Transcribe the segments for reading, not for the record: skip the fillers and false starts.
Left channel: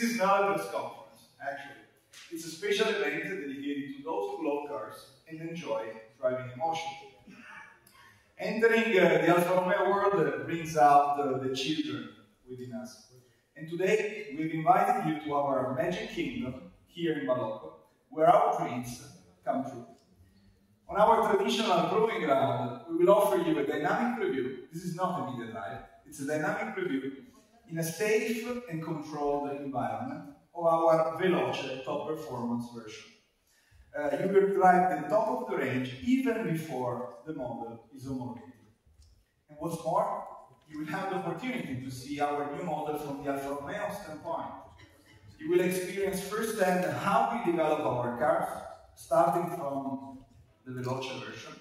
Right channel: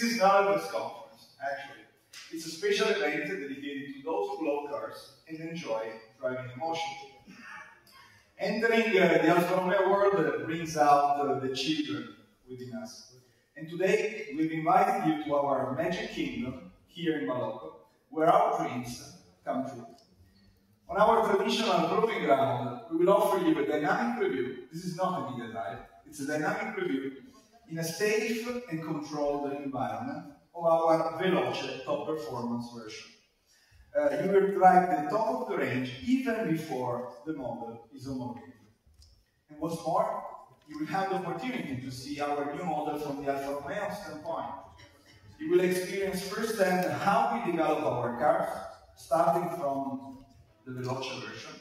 This is not a press conference, actually. It's a special event dedicated to those who love cars and enjoy driving emotion. Entering the Alfa Romeo world brings out the children within us. And today, we've invited you to our magic kingdom here in Boloco, where our dreams come true. On our traditional proving ground, we will offer you a dynamic review. This is not a media dive, it's a dynamic review in a safe and controlled environment of our Veloce top performance version. You will drive the top of the range even before the model is homologated. And what's more, you will have the opportunity to see our new model from the Alfa Romeo standpoint. You will experience firsthand how we develop our cars, starting from the Veloce version,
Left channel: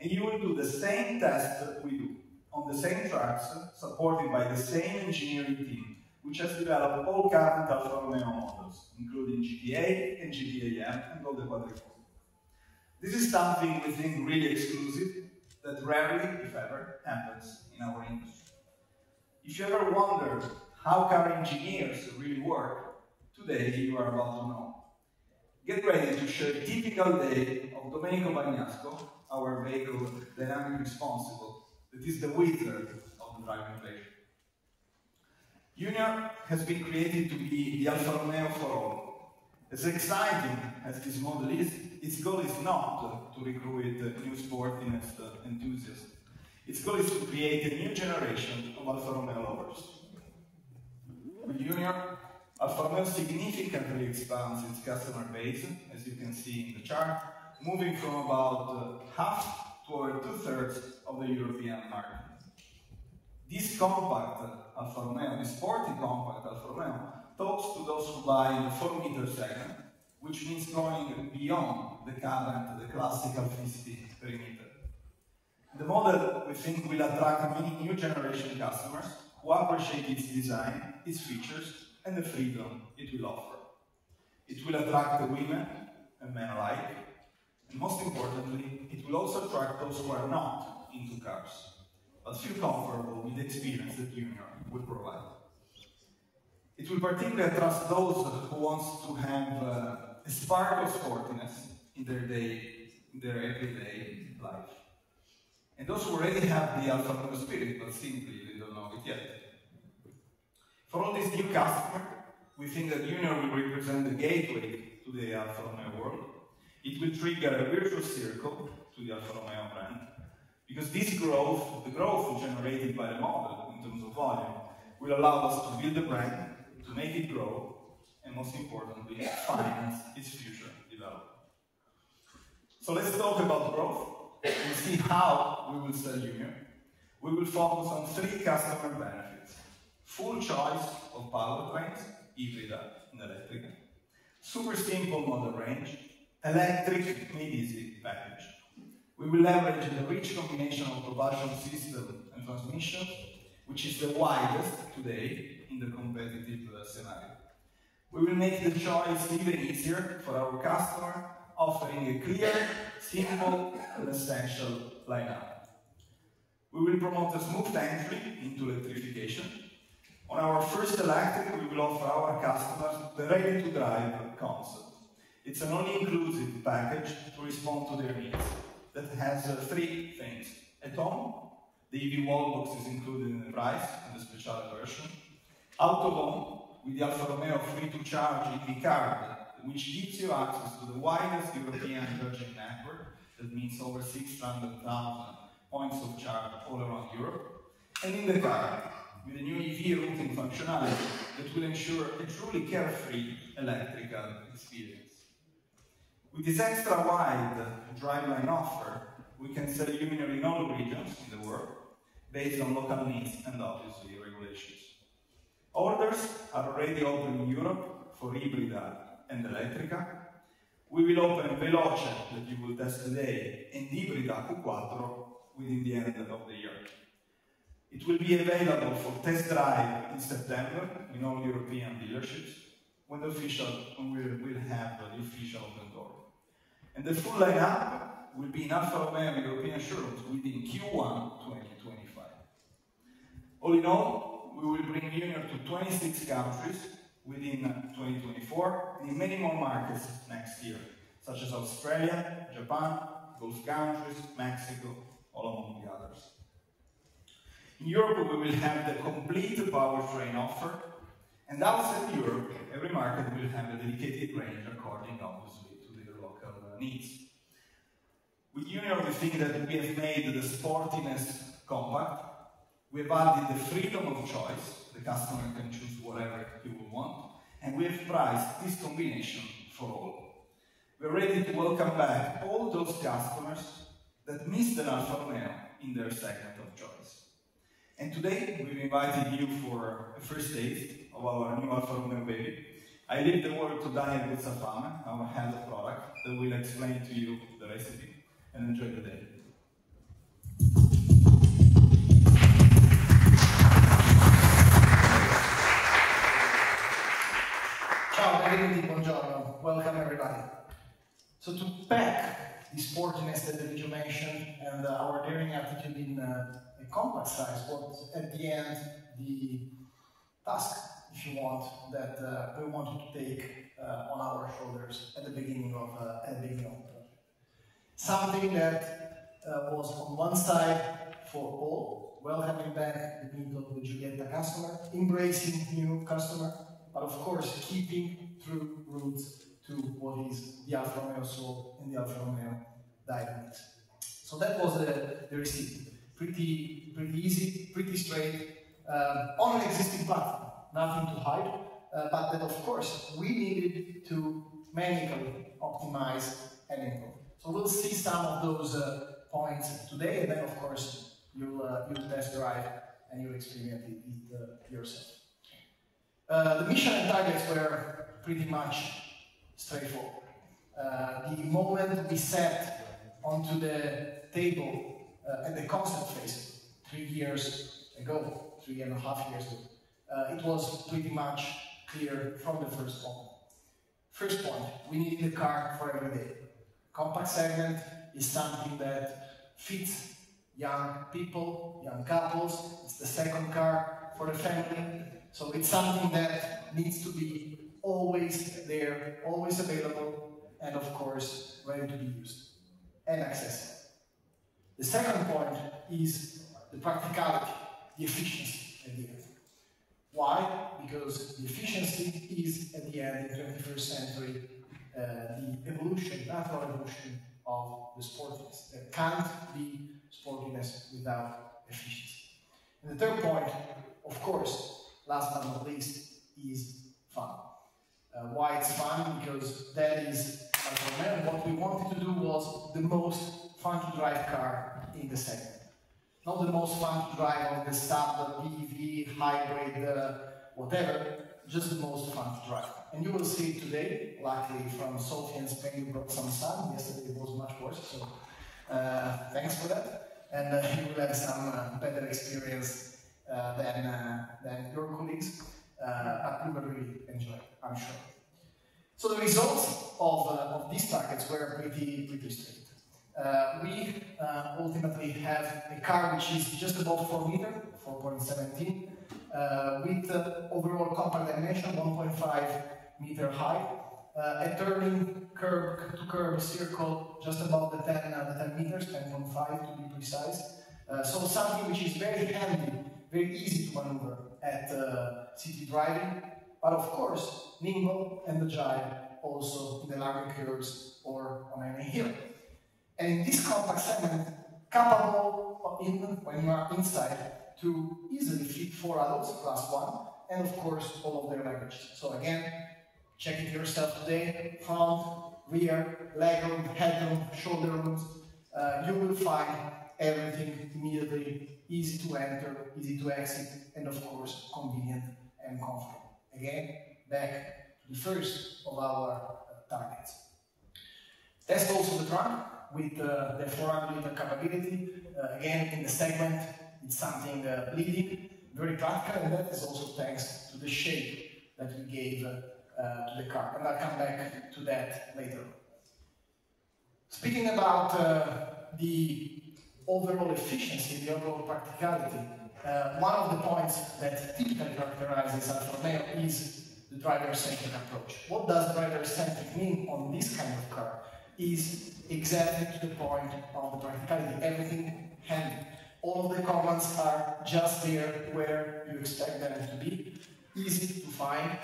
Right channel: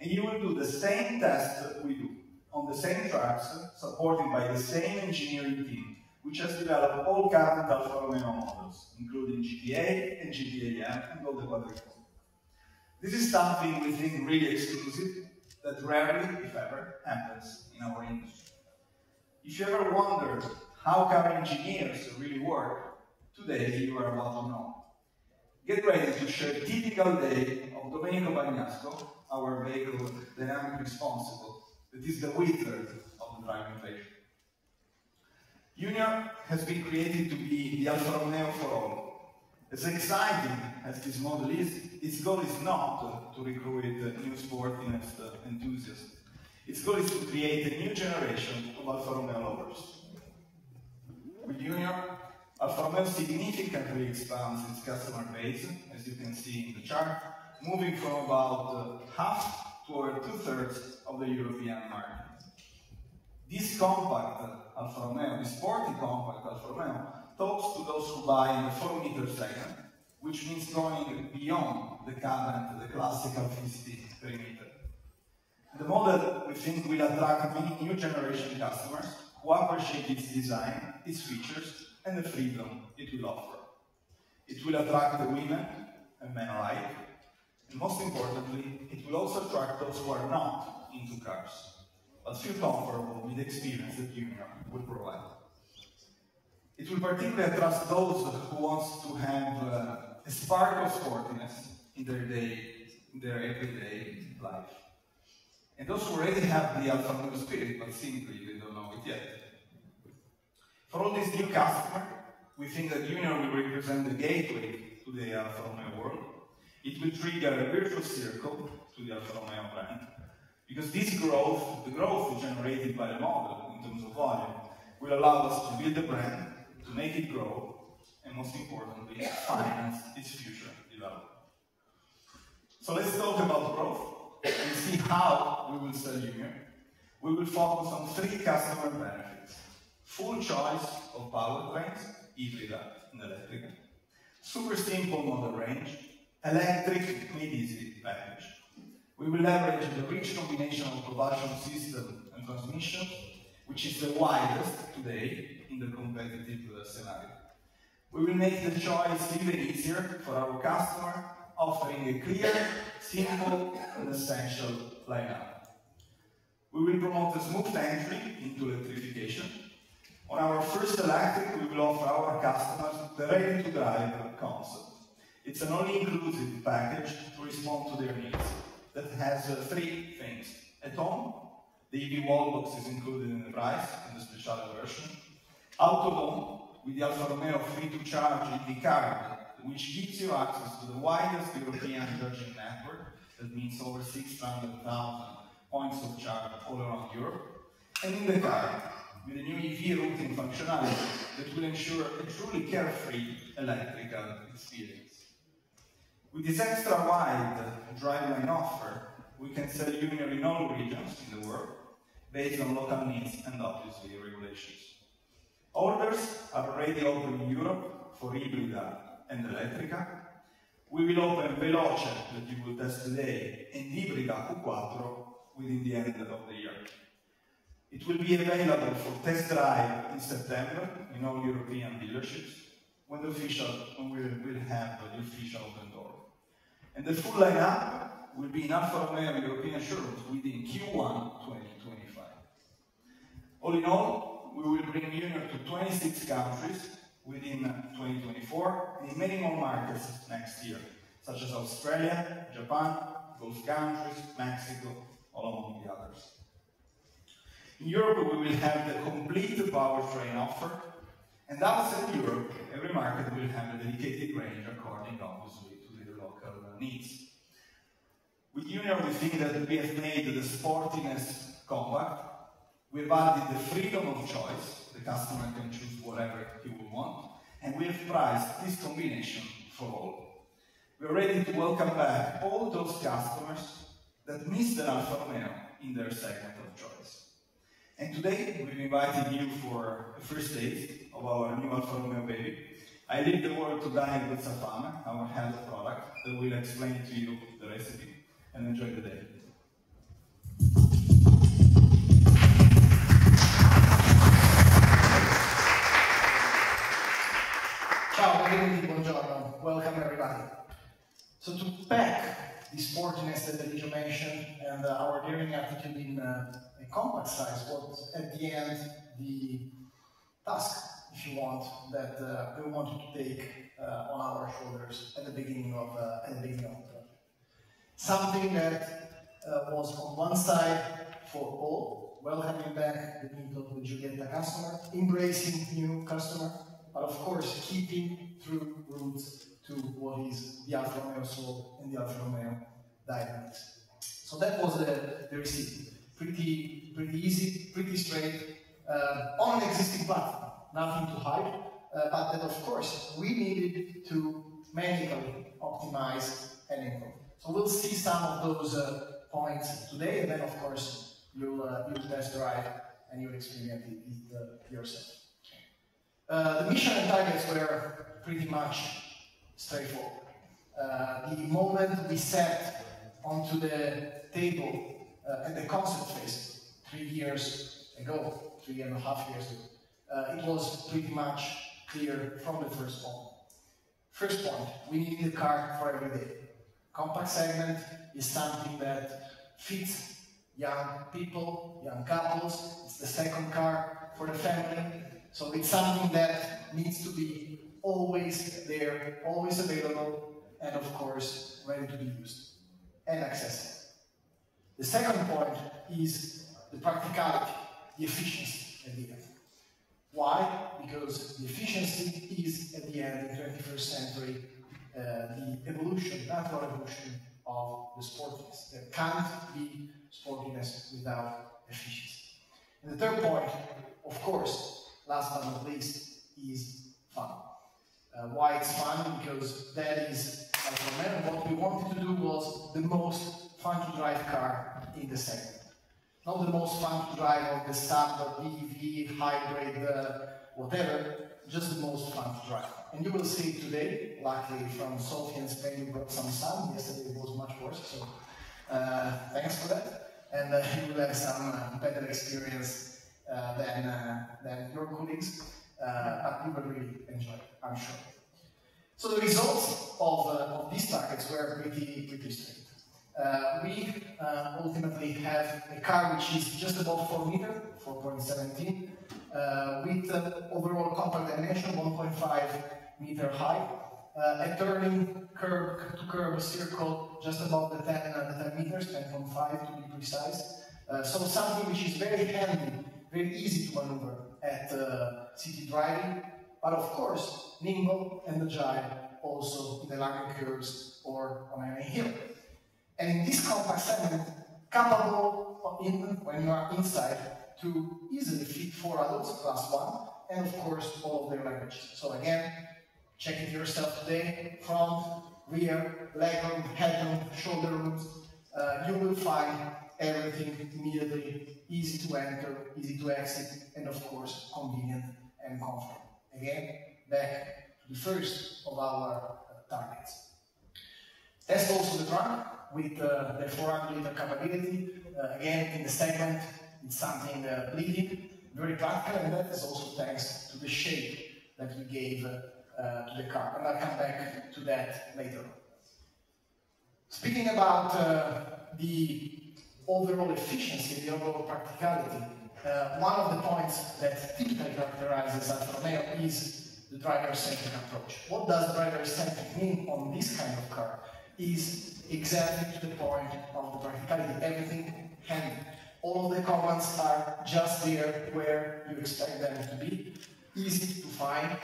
and you will do the same test that we do, on the same tracks, supported by the same engineering team, which has developed all current Alfa Romeo models, including GT8 and GT8M and all the quadrifold. This is something we think really exclusive, that rarely, if ever, happens in our industry. If you ever wondered how car engineers really work, today you are about to know. Get ready to share a typical day of Domenico Bagnasco, our vehicle dynamic responsible, that is the wizard of the driving pleasure. Junior has been created to be the Alfa Romeo for all. As exciting as this model is, its goal is not to recruit new sportiness enthusiasts. Its goal is to create a new generation of Alfa Romeo lovers. With Junior, Alfa Romeo significantly expands its customer base, as you can see in the chart, moving from about half to over 2/3 of the European market. This compact Alfa Romeo, this sporty compact Alfa Romeo, talks to those who buy in the 4-meter segment, which means going beyond the classical 50 perimeter. The model, we think, will attract many new generation customers who appreciate its design, its features, and the freedom it will offer. It will attract the women and men alike, and most importantly, it will also attract those who are not into cars, but feel comfortable with the experience that Junior will provide. It will particularly attract those who want to have a spark of sportiness in their everyday life. And those who already have the Alfa Romeo spirit, but simply they don't know it yet. For all these new customers, we think that Junior will represent the gateway to the Alfa Romeo world. It will trigger a virtuous circle to the Alfa Romeo brand, because this growth, the growth generated by the model in terms of volume, will allow us to build the brand, to make it grow, and most importantly, finance its future development. So let's talk about growth and see how we will sell Junior. We will focus on 3 customer benefits: full choice of powertrains, hybrid and electric, super simple model range, electric made easy package. We will leverage the rich combination of propulsion system and transmission, which is the widest today in the competitive scenario. We will make the choice even easier for our customer, offering a clear, simple, and essential lineup. We will promote a smooth entry into electrification. On our first electric, we will offer our customers the ready-to-drive concept. It's an all-inclusive package to respond to their needs that has 3 things. At home, the EV wallbox is included in the price in the special version. Out of home, with the Alfa Romeo free-to-charge EV card, which gives you access to the widest European charging network, that means over 600,000 points of charge all around Europe. And in the car, with a new EV routing functionality that will ensure a truly carefree electrical experience. With this extra wide driveline offer, we can sell Junior in all regions in the world, based on local needs and obviously regulations. Orders are already open in Europe for Ibrida and Elettrica. We will open Veloce, that you will test today, and Ibrida Q4 within the end of the year. It will be available for test drive in September in all European dealerships, when we will have the official open door. And the full lineup will be in Alfa Romeo European showrooms within Q1 2025. All in all, we will bring Junior to 26 countries within in many more markets next year, such as Australia, Japan, Gulf countries, Mexico, all among the others. In Europe, we will have the complete powertrain offer, and outside Europe, every market will have a dedicated range according, obviously, to the local needs. With Junior, we think that we have made the sportiness compact. We've added the freedom of choice. The customer can choose whatever he will want. And we have priced this combination for all. We're ready to welcome back all those customers that missed an Alfa Romeo in their segment of choice. And today, we've invited you for a first taste of our new Alfa Romeo baby. I leave the word to Daniel Guzzafame, our head of product, that will explain to you the recipe. And enjoy the day. Ciao, benvenuti, buongiorno. Welcome everybody. So to pack the sportiness that Eligio mentioned and our daring attitude in a compact size was at the end the task, if you want, that we wanted to take on our shoulders at the beginning of the project. Something that was on one side for all, welcoming back the Mito, the Giulietta customer, embracing new customer, but of course keeping true roots to what is the Alfa Romeo soul and the Alfa Romeo dynamics. So that was the recipe. Pretty easy, pretty straight, on an existing platform, nothing to hide, but that of course we needed to manually optimize and improve. So we'll see some of those points today, and then of course you'll test drive and you'll experience it yourself. The mission and targets were pretty much straightforward. The moment we set onto the table at the concept phase 3 years ago, 3.5 years ago, it was pretty much clear from the first point. First point, we need the car for every day. Compact segment is something that fits young people, young couples. It's the second car for the family. So it's something that needs to be always there, always available, and of course, ready to be used and accessible. The second point is the practicality, the efficiency at the end. Why? Because the efficiency is, at the end, in the 21st century, the evolution, natural evolution of the sportiness. There can't be sportiness without efficiency. And the third point, of course, last but not least, is fun. Why it's fun? Because that is Alfa Romeo. What we wanted to do was the most fun to drive car in the segment. Not the most fun to drive of the standard BEV, hybrid, whatever, just the most fun to drive. And you will see today, luckily from Sofia in Spain, we brought some sun. Yesterday it was much worse, so thanks for that. And you will have some better experience than your colleagues, but you will really enjoy it, I'm sure. So the results of these targets were pretty straight. We ultimately have a car which is just above 4 meters, 4.17, with overall compact dimension 1.5 meter high, a turning curve to curve circle just above the 10 meters, 10.5 to be precise. So something which is very handy, very easy to maneuver at city driving, but of course nimble and agile also in the larger curves or on any hill. And in this compact segment, capable when you are inside to easily fit 4 adults plus 1, and of course all of their leverages. So again, check it yourself today, front, rear, legroom, headroom, shoulder rooms. You will find everything immediately easy to enter, easy to exit, and of course convenient and comfortable. Again, back to the first of our targets. Test also the trunk with the 400-liter capability. Again, in the segment, it's something bleeding, very practical, and that is also thanks to the shape that we gave to the car. And I'll come back to that later. Speaking about the overall efficiency, the overall practicality, one of the points that typically characterizes Alfa Romeo is the driver-centric approach. What does driver-centric mean on this kind of car? Is exactly to the point of the practicality. Everything handy. All of the commands are just there where you expect them to be. Easy to find.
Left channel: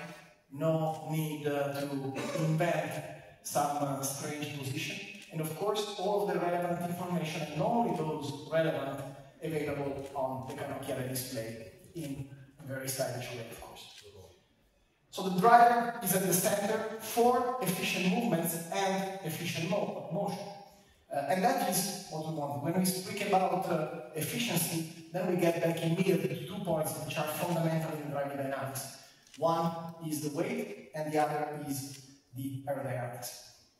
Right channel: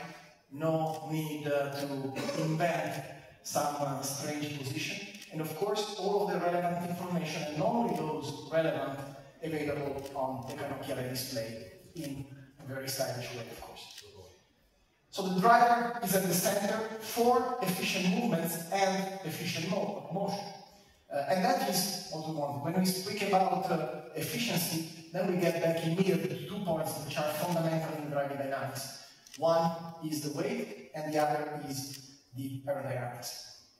No need to invent some strange position. And of course, all of the relevant information, and only those relevant, available on the canocchiale display in a very stylish way, of course. So the driver is at the center for efficient movements and efficient motion. And that is what we want. When we speak about efficiency, then we get back immediately to 2 points which are fundamental in driving dynamics. One is the weight, and the other is the aerodynamics.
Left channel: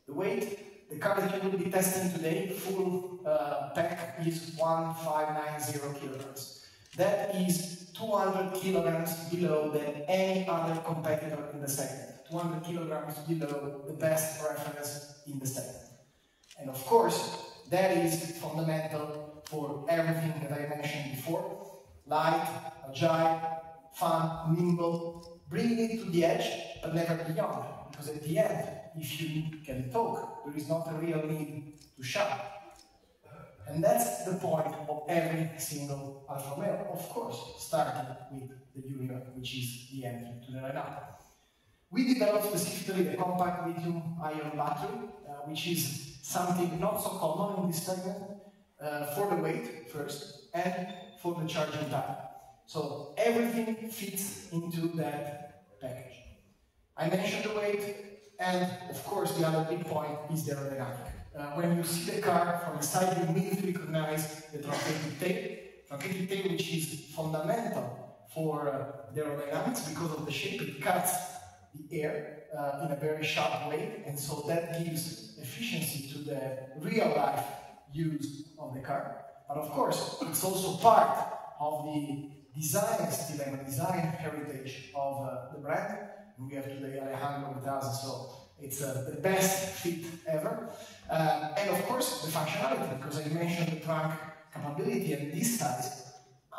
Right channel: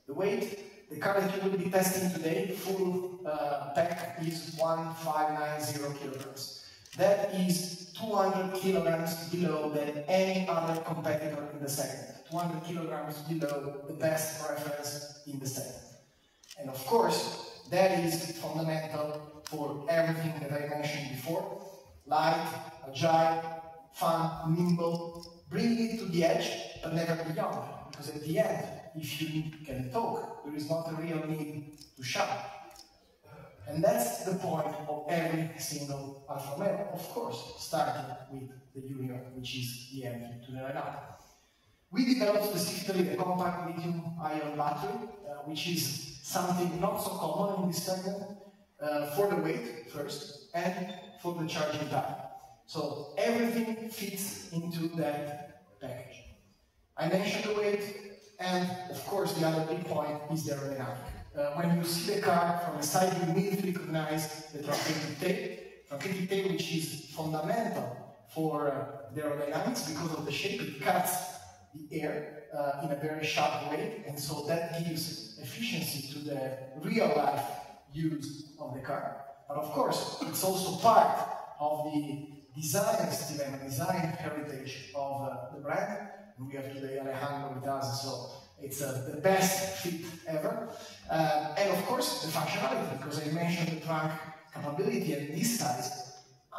The weight, the car that you will be testing today, full pack, is 1590 kilograms. That is 200 kilograms below than any other competitor in the segment. 200 kilograms below the best reference in the segment. And of course, that is fundamental for everything that I mentioned before. Light, agile, fun, nimble, bring it to the edge, but never beyond. Because at the end, if you can talk, there is not a real need to shout. And that's the point of every single Alfa Romeo, of course, starting with the Junior, which is the entry to the lineup. We developed specifically the compact lithium-ion battery, which is something not so common in this segment, for the weight first, and for the charging time. So everything fits into that package. I mentioned the weight, and of course the other big point is the aerodynamic. When you see the car from the side, you immediately recognize the truncated tail, which is fundamental for the aerodynamics because of the shape. It cuts the air in a very sharp way, and so that gives efficiency to the real-life use of the car. But of course, it's also part of the design style and design heritage of the brand. And we have today Alejandro with us, so it's the best fit ever. And of course, the functionality, because I mentioned the trunk capability, and this size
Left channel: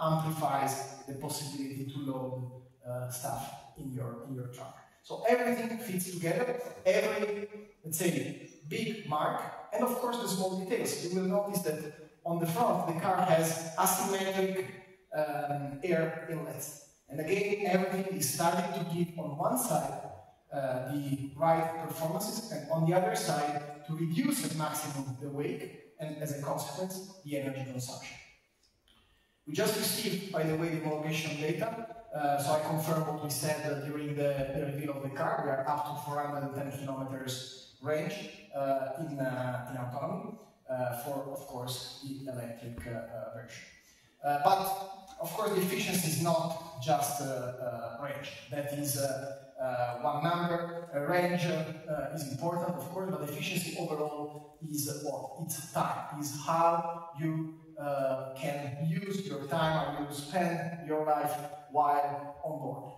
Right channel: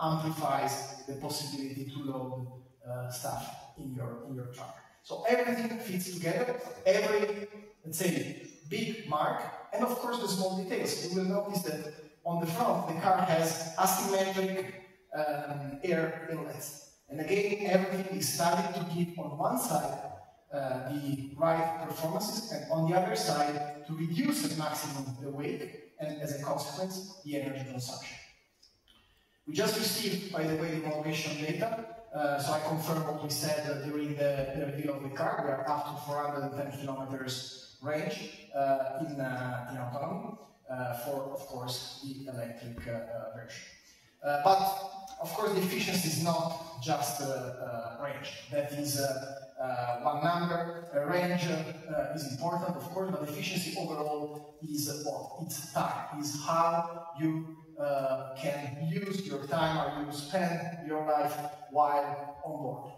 amplifies the possibility to load stuff in your trunk. So everything fits together, every, let's say, big mark, and of course the small details. You will notice that on the front, the car has asymmetric air inlets. And again, everything is starting to give on one side the right performances, and on the other side to reduce at maximum the weight, and as a consequence, the energy consumption. We just received, by the way, the homologation data, so I confirm what we said during the reveal of the car. We are up to 410 kilometers range in autonomy for, of course, the electric version. But, of course, the efficiency is not just range. That is one number. Range is important, of course, but efficiency overall is what? It's time. Is how you can use your time, or you spend your life while on board.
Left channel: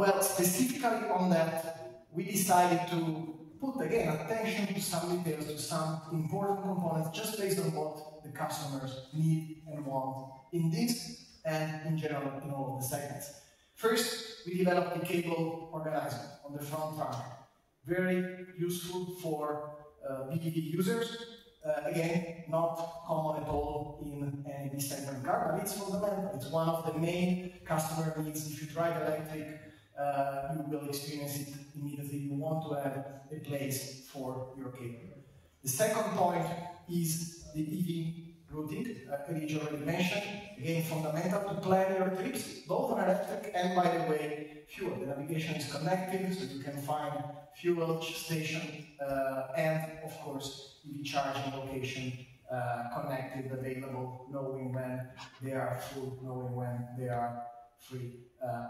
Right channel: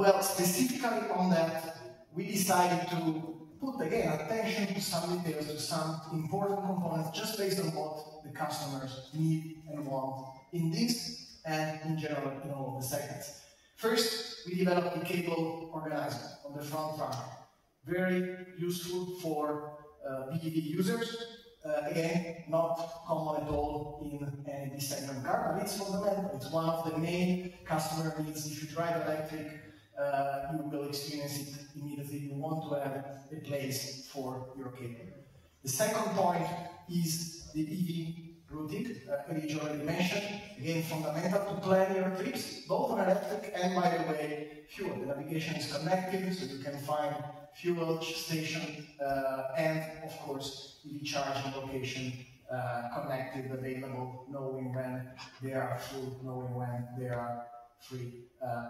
Well, specifically on that, we decided to put again attention to some details, to some important components, just based on what the customers need and want in this and in general in all of the segments. First, we developed a cable organizer on the front trunk. Very useful for BEV users. Again, not common at all in any B-segment car, but it's fundamental. It's one of the main customer needs. If you drive electric, you will experience it immediately. You want to have a place for your cable. The second point is the EV routing, Luigi already mentioned. Again, fundamental to plan your trips, both on electric and, by the way, fuel. The navigation is connected, so you can find fuel station and, of course, EV charging location connected, available, knowing when they are full, knowing when they are free,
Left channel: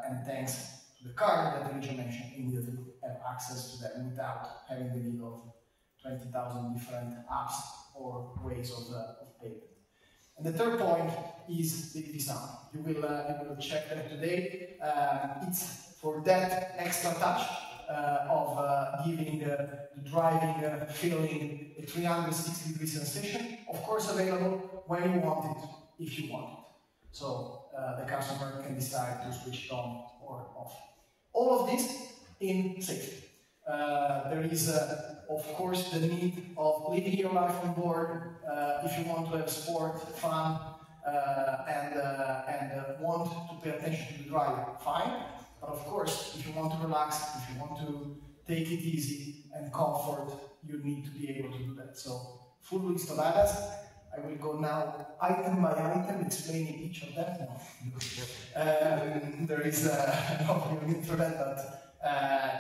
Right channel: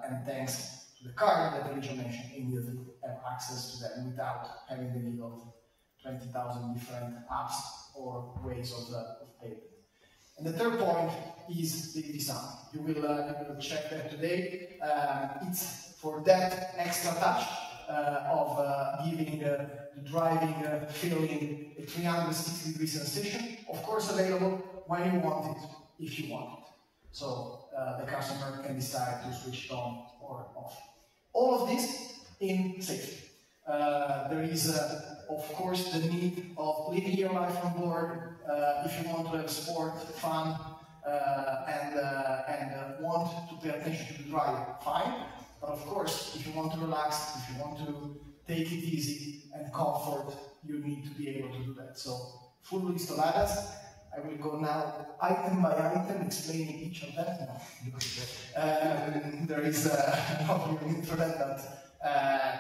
and thanks to the car that Luigi mentioned, immediately have access to them without having the need of 20,000 different apps or ways of payment. And the third point is the design. You will check that today. It's for that extra touch of giving the driving feeling a 360-degree sensation, of course available when you want it, if you want it. So the customer can decide to switch it on or off. All of this in safety. There is, of course, the need of living your life on board. If you want to have sport, fun, and want to pay attention to the drive, fine. But of course, if you want to relax, if you want to take it easy and comfort, you need to be able to do that. So, full list of items. I will go now item by item, explaining each of them. There is no need for that, but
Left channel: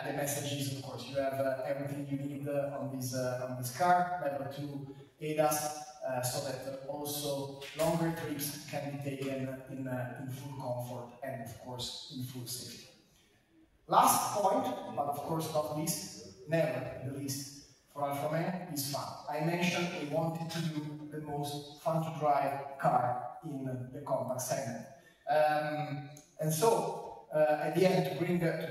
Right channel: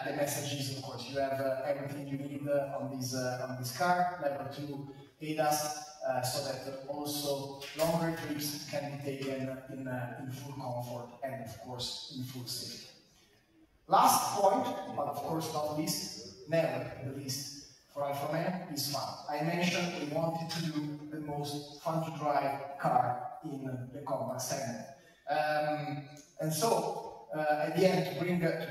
the message is, of course, you have everything you need on this car, level 2 ADAS, so that also longer trips can be taken in full comfort and, of course, in full safety. Last point, but of course not least, never the least, for Alfa Romeo is fun. I mentioned we wanted to do the most fun to drive car in the compact segment. And so, at the end, to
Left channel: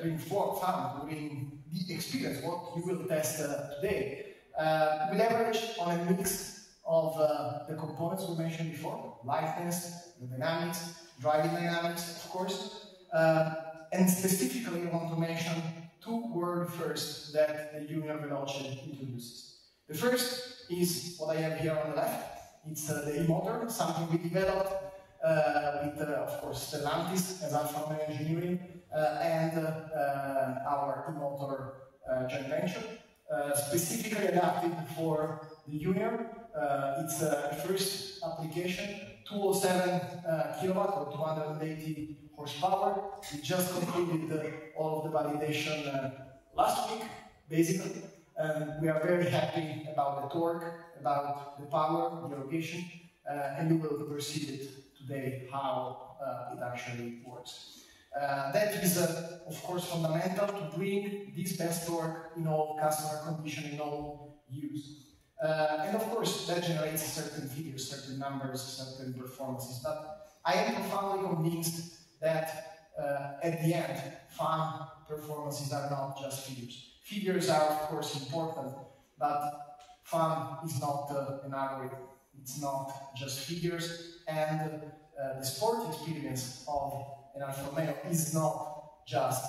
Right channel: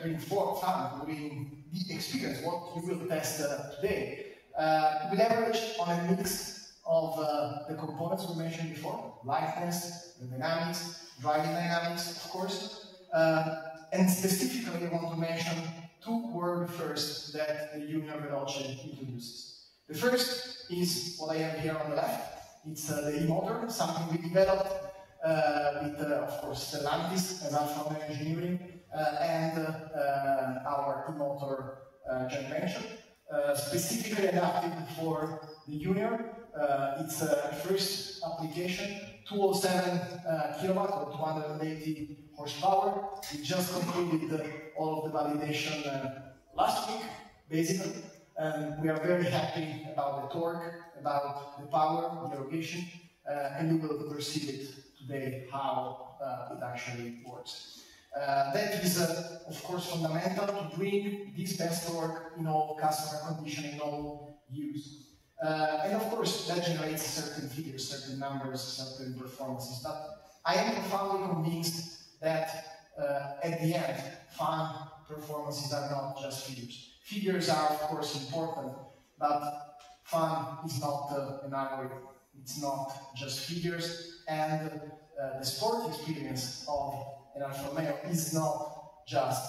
bring forth fun, to bring the experience, what you will test today, we leverage on a mix of the components we mentioned before, lightness, the dynamics, driving dynamics, of course, and specifically I want to mention two world firsts that the Junior Veloce introduces. The first is what I have here on the left. It's the e-motor, something we developed with, of course, Stellantis as Alfa Romeo Engineering and our e-motor joint venture, specifically adapted for the Junior. It's a first application, 207 kilowatt or 280 horsepower. We just concluded all of the validation last week, basically. We are very happy about the torque, about the power, the erogation, and you will perceive it today how it actually works. That is, of course, fundamental to bring this best torque in all customer condition, in all use. And of course, that generates certain figures, certain numbers, certain performances. But I am profoundly convinced that at the end, fun performances are not just figures. Figures are, of course, important, but fun is not an algorithm. It's not just figures, and the sport experience of an Alfa Romeo is not just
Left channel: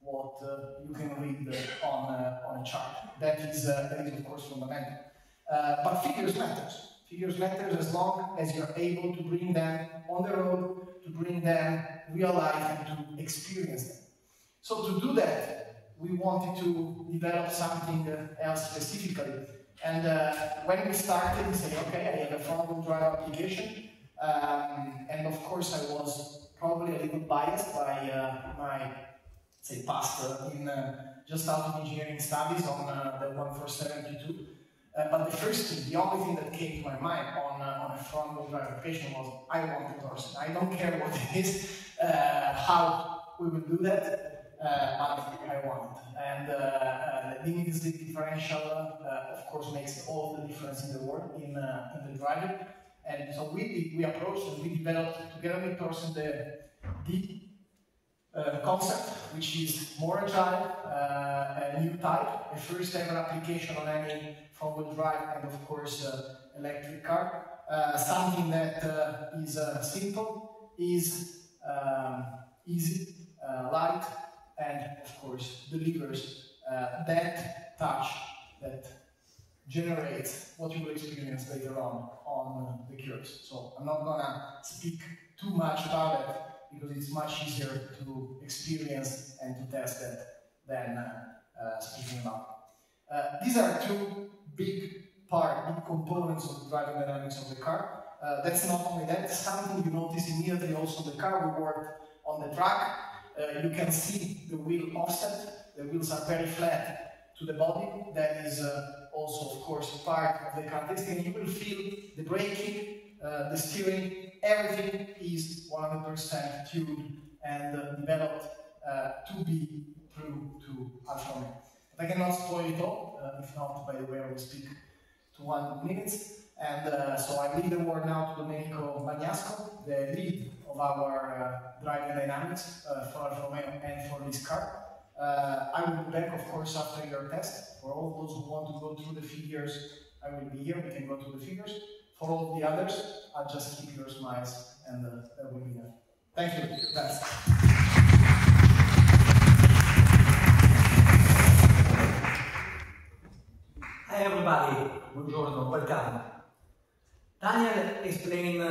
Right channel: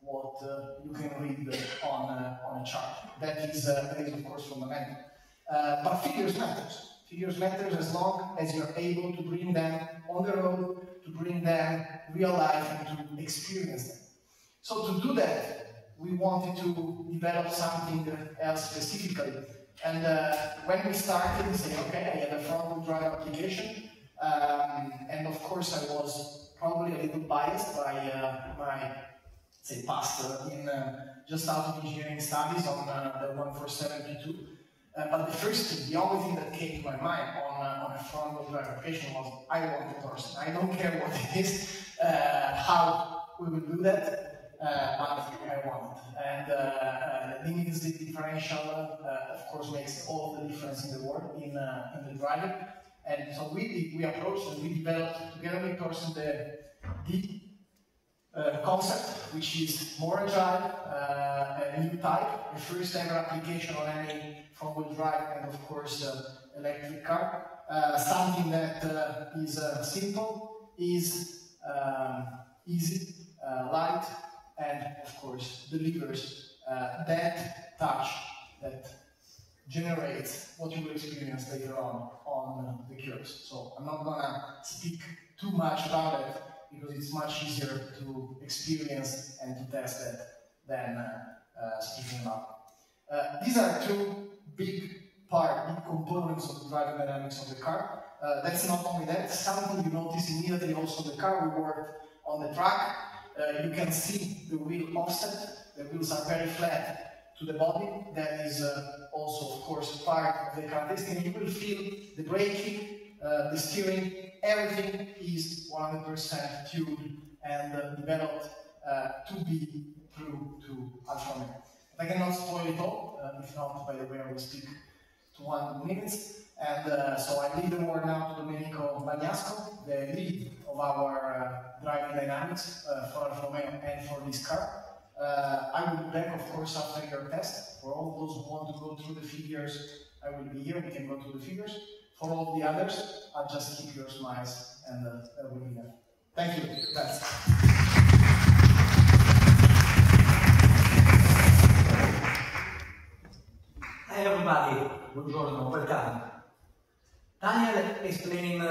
what you can read on a chart. That is, of course, fundamental. But figures matters. Figures matters as long as you're able to bring them on the road, to bring them real life and to experience them. So to do that, we wanted to develop something else specifically. And when we started, we said, okay, I have a front-wheel drive application. And of course, I was probably a little biased by my, say, past in just out of engineering studies on the 147P2. But the only thing that came to my mind on a front-wheel drive application was, I want a Torsen. I don't care what it is, how we will do that. But I want it. And the limited slip differential, of course, makes all the difference in the world in the driving. And so we approached and we developed together with Torsen the concept, which is more agile, a new type, a first ever application on any front-wheel drive and of course electric car. Something that is simple, is easy, light, and of course delivers that touch that generates what you will experience later on the curves. So I'm not gonna speak too much about it because it's much easier to experience and to test it than speaking about. These are two big components of the driving dynamics of the car. That's not only that, something you notice immediately also in the car. We worked on the track. You can see the wheel offset. The wheels are very flat to the body. That is also, of course, part of the characteristic. You will feel the braking, the steering, everything is 100% tuned and developed to be true to Alfa Romeo. I cannot spoil it all, if not, by the way, I will speak to 1 minute. And so I leave the word now to Domenico Bagnasco, the lead of our driving dynamics for Alfa Romeo and for this car. I will be back, of course, after your test. For all those who want to go through the figures, I will be here. We can go through the figures. For all the others, I'll just keep your smiles and that will be enough. Thank you. Thanks. everybody, buongiorno, welcome. Daniel explained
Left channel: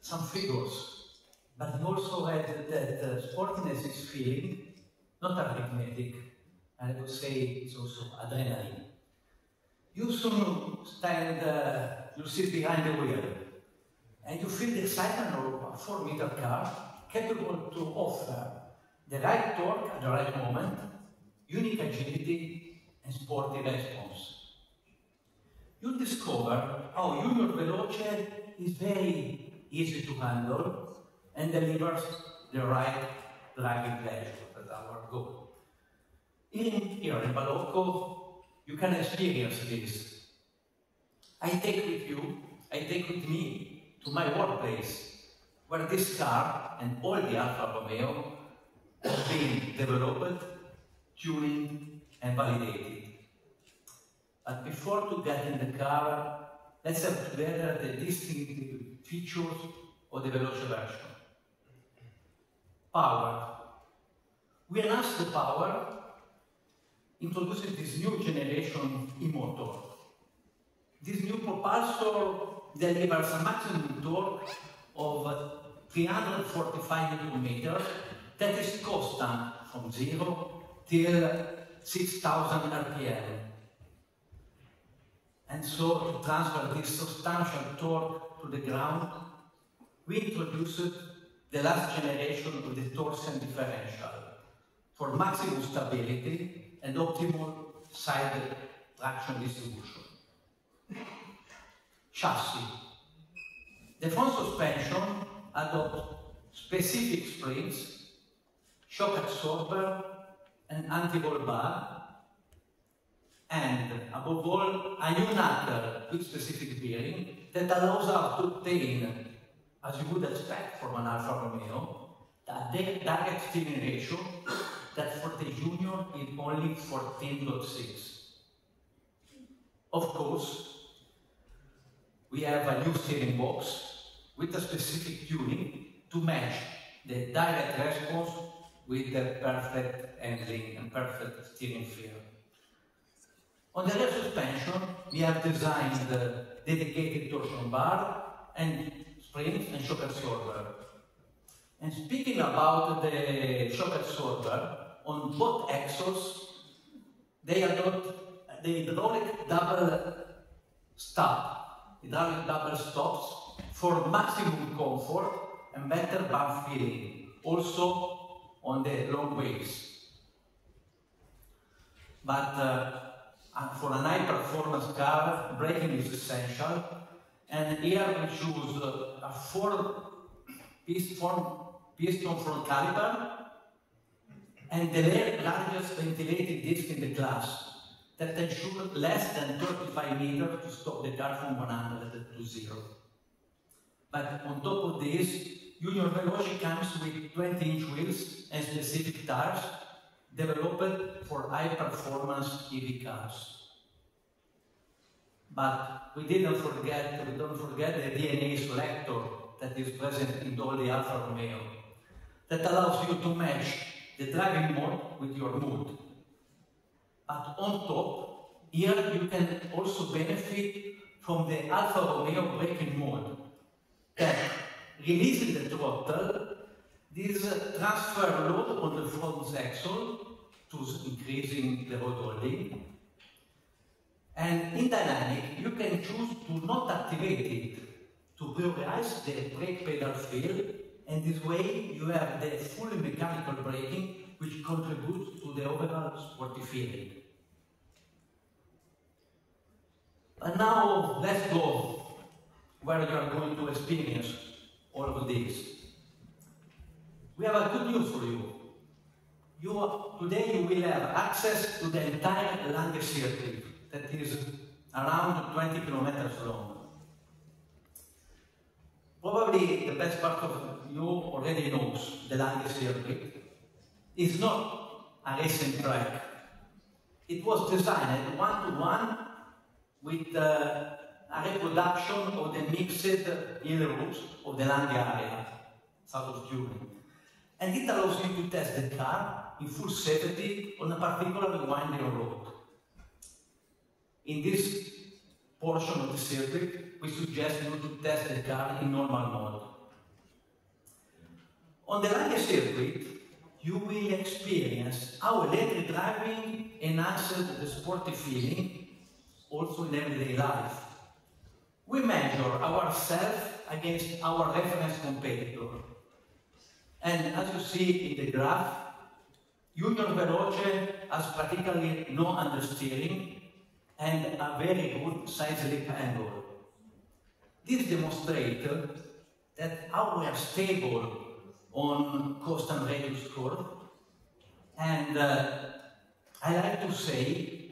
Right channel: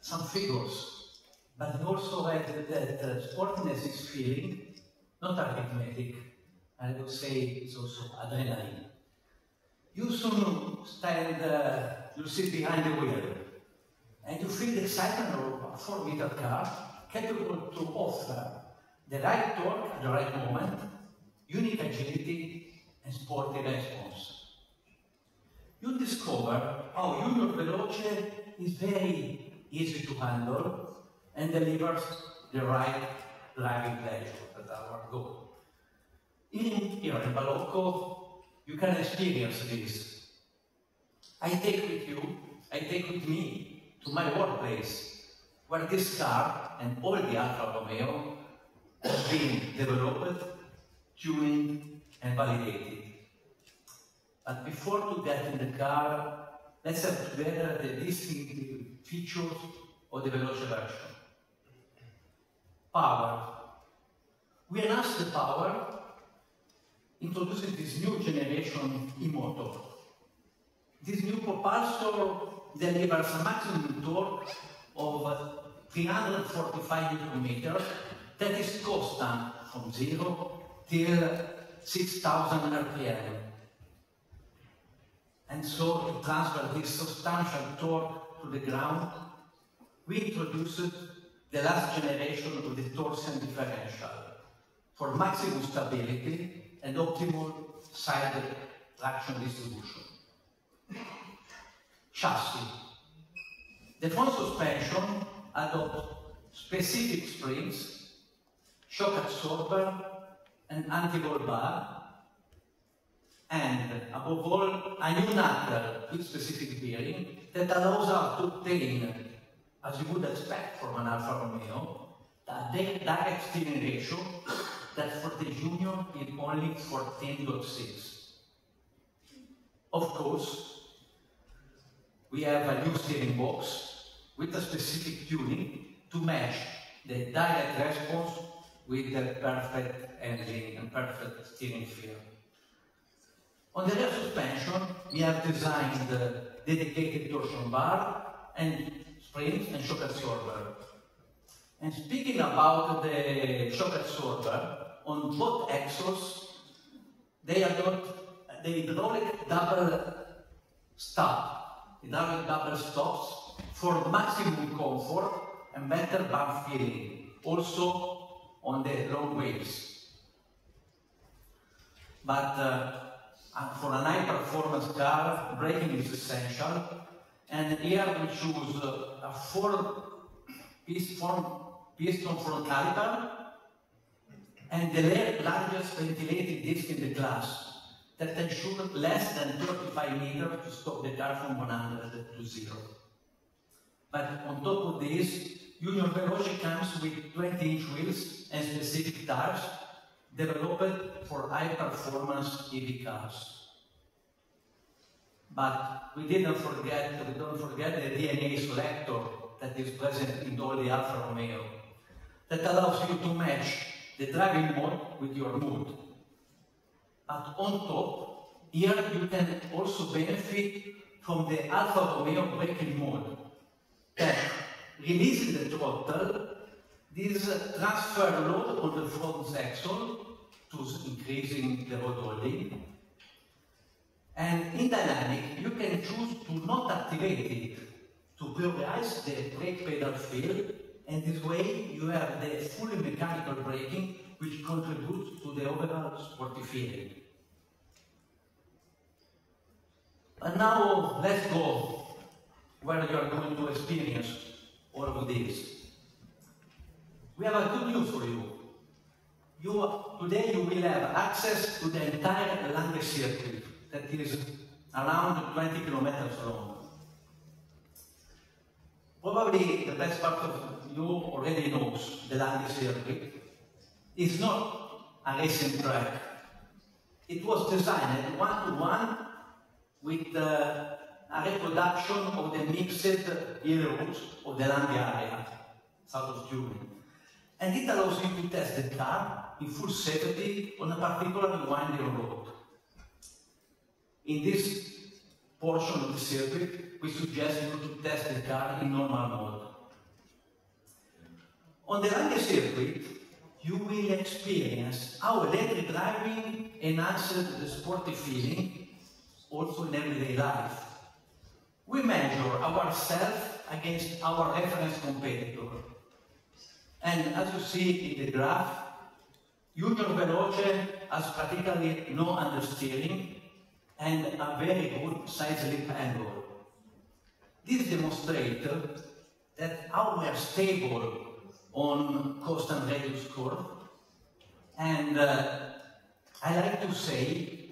some figures, but he also added that sportiness is feeling, not arithmetic. I would say it's also adrenaline. You soon you sit behind the wheel, and you feel the excitement of a 4-meter car capable to offer the right torque at the right moment, unique agility, and sporty response. You discover how Junior Veloce is very easy to handle and delivers the right driving pleasure. That's our goal. Here in Boloco, you can experience this. I take with me to my workplace, where this car and all the Alfa Romeo have been developed, tuned, and validated. But before to get in the car, let's have together the distinctive features of the Veloce version. Power. We enhance the power introducing this new generation e-motor. This new propulsor delivers a maximum torque of 345 Nm that is constant from 0 till 6,000 RPM. And so to transfer this substantial torque to the ground, we introduced the last generation of the torsion differential for maximum stability and optimal side traction distribution. Chassis. The front suspension adopts specific springs, shock absorber, and anti-roll bar, and above all, a new knuckle with specific bearing that allows us to obtain, as you would expect from an Alfa Romeo, a direct steering ratio that for the Junior is only 14.6. Of course, we have a new steering box with a specific tuning to match the direct response with the perfect handling and perfect steering feel. On the rear suspension, we have designed the dedicated torsion bar and springs and shock absorber. And speaking about the shock absorber, on both axles, they adopt the hydraulic double stops for maximum comfort and better bump feeling, also on the long waves. But for an high-performance car, braking is essential, and here we choose a 4-piston front caliper and the largest ventilated disc in the class that ensure less than 35 meters to stop the car from 100 to 0. But on top of this, Junior Veloce comes with 20-inch wheels and specific tires developed for high-performance EV cars. But we don't forget the DNA selector that is present in all the Alfa Romeo that allows you to match the driving mode with your mood. But on top, here you can also benefit from the Alfa Romeo braking mode that releases the throttle, this transfer load on the front axle to increasing the road holding. And in dynamic, you can choose to not activate it, to prioritize the brake pedal feel, and this way you have the fully mechanical braking, which contributes to the overall sporty feeling. But now let's go where you are going to experience all of this. We have a good news for you. Today you will have access to the entire Lange circuit that is around 20 kilometers long. Probably the best part of you already knows the Lange circuit. It's not a racing track. It was designed one-to-one with a reproduction of the mixed hill routes of the Lange area, south of Germany. And it allows you to test the car in full safety on a particularly winding road. In this portion of the circuit, we suggest you to test the car in normal mode. On the Lange circuit, you will experience how electric driving enhances the sporty feeling, also in everyday life. We measure ourselves against our reference competitor. And as you see in the graph, Junior Veloce has practically no understeering and a very good side slip angle. This demonstrates that how we are stable on cost and radius curve. And I like to say,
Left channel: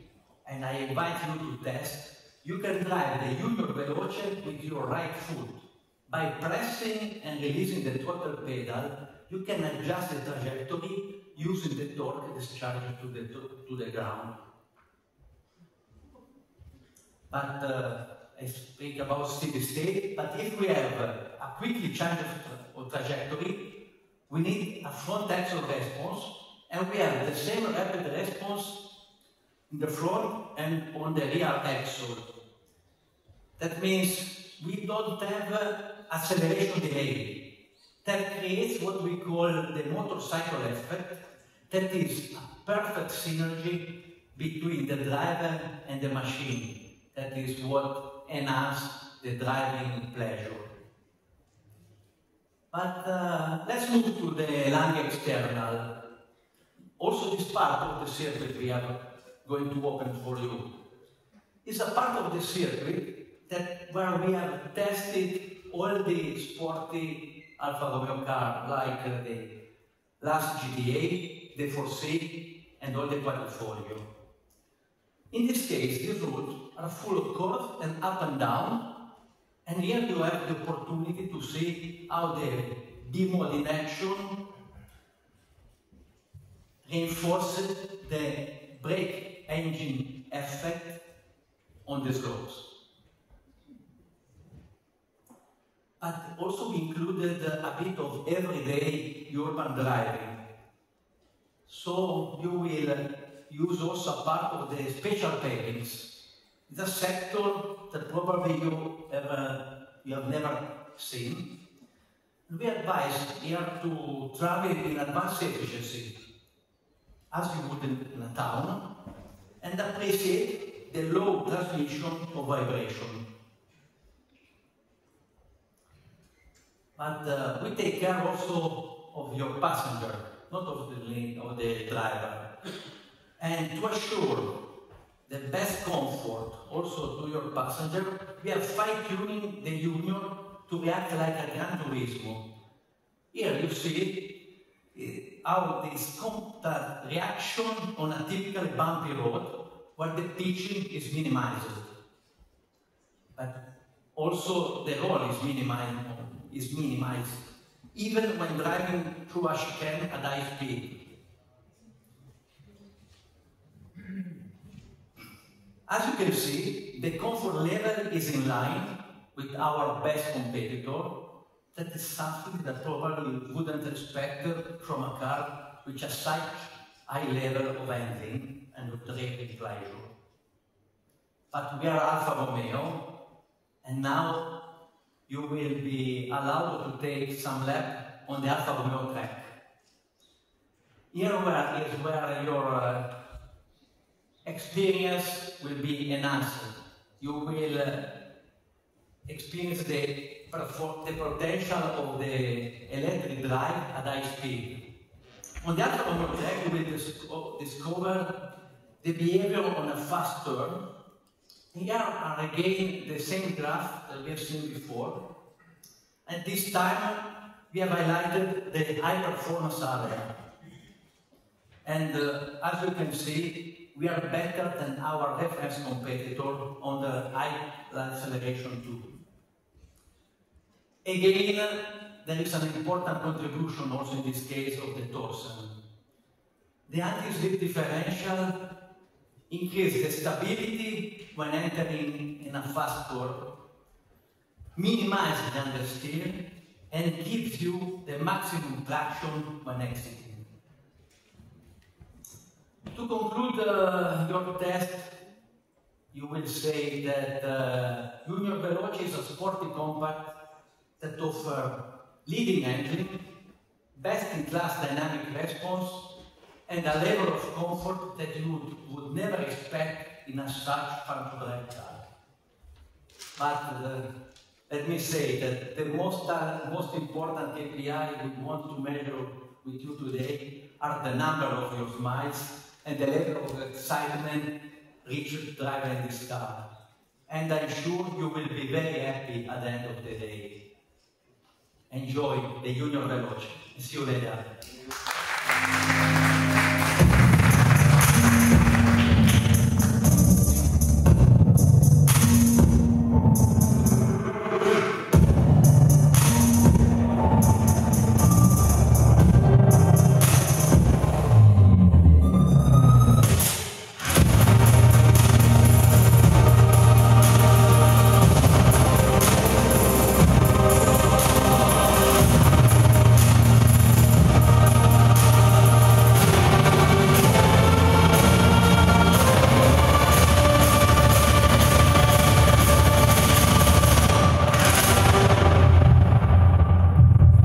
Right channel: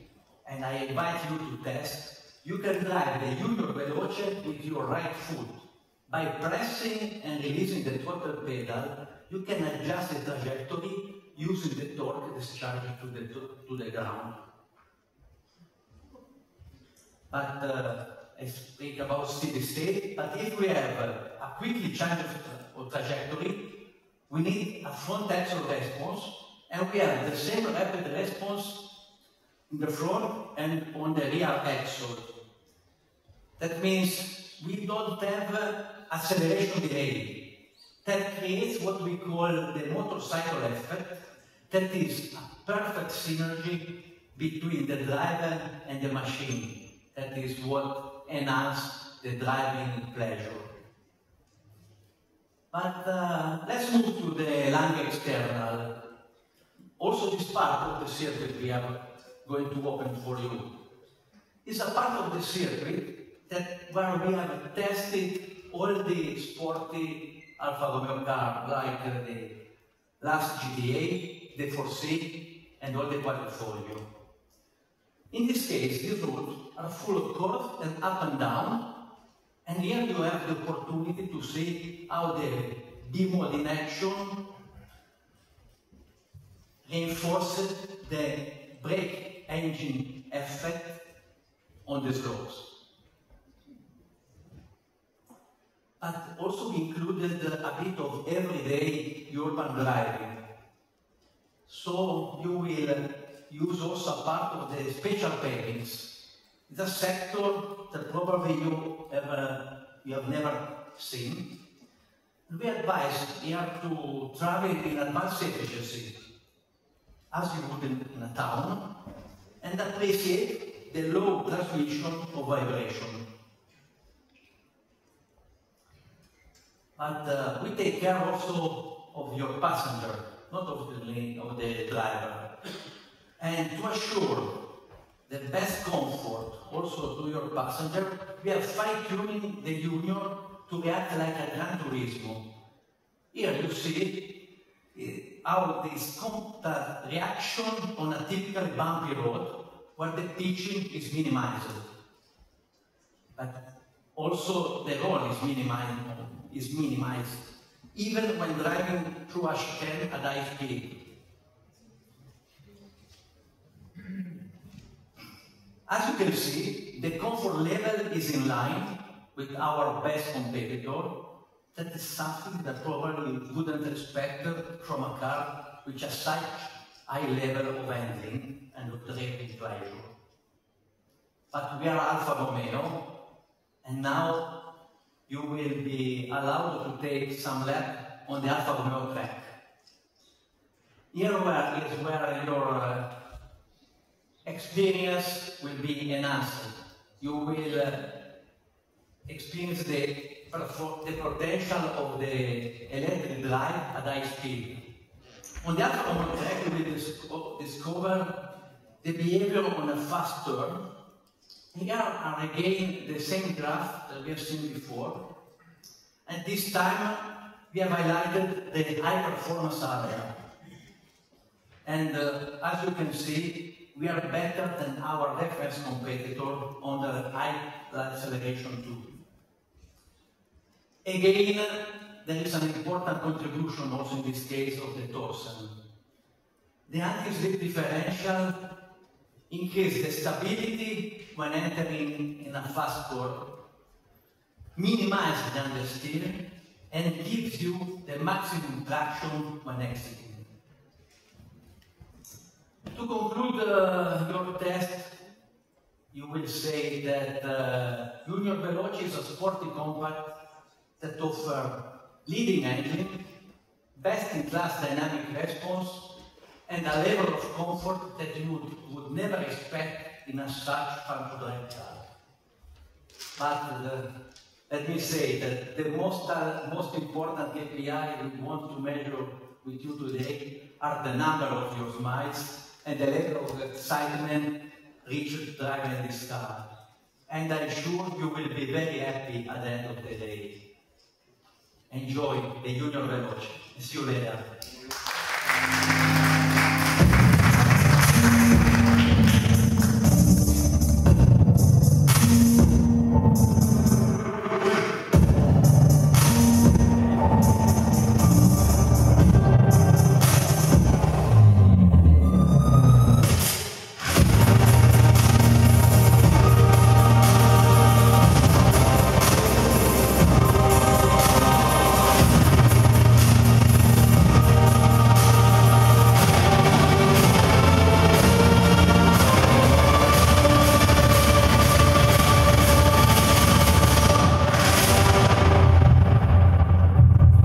and I invite you to test, you can drive the Junior Veloce with your right foot. By pressing and releasing the throttle pedal, you can adjust the trajectory using the torque discharged to the ground. But I speak about steady state, but if we have a quickly change of trajectory, we need a front axle response, and we have the same rapid response in the front and on the rear axle. That means we don't have acceleration delay. That creates what we call the motorcycle effect. That is a perfect synergy between the driver and the machine. That is what enhances the driving pleasure. But let's move to the Lange external. Also, this part of the circuit we are going to open for you is a part of the circuit that where we have tested all the sporty Alfa Romeo cars, like the last GTA, the 4C, and all the portfolio. In this case, these roads are full of curves and up and down, and here you have the opportunity to see how the B-mode in action reinforces the brake engine effect on the slopes. But also we included a bit of everyday urban driving. So you will use also a part of the special pavings. It's a sector that probably you have never seen. And we advise here to travel in advanced efficiency, as you would in a town, and appreciate the low transmission of vibration. But we take care also of your passenger, not of the driver. And to assure the best comfort also to your passenger, we are fine-tuning the Junior to react like a Gran Turismo. Here you see how this contact reaction on a typical bumpy road where the pitching is minimized. But also the roll is minimized, even when driving through a chicane at high speed. As you can see, the comfort level is in line with our best competitor. That is something that probably you wouldn't expect from a car which has such high level of handling and of driving pleasure. But we are Alfa Romeo, and now you will be allowed to take some lap on the Alfa Romeo track. Here is where your experience will be enhanced. You will experience the potential of the electric drive at high speed. On the Alfa Romeo track, you will discover the behavior on a fast turn. Here are again the same graph that we have seen before. And this time we have highlighted the high performance area. And as you can see, we are better than our reference competitor on the high acceleration too. Again, there is an important contribution also in this case of the torsion. The anti-slip differential increases the stability when entering in a fast curve, minimizes the understeer, and gives you the maximum traction when exiting. To conclude your test, you will say that Junior Veloce is a sporty compact that offers leading engine, best-in-class dynamic response, and a level of comfort that you would never expect in a such fun-to-drive car. But let me say that the most important KPI we want to measure with you today are the number of your smiles and the level of excitement reached driving this car. And I'm sure you will be very happy at the end of the day. Enjoy the Junior Veloce. See you later.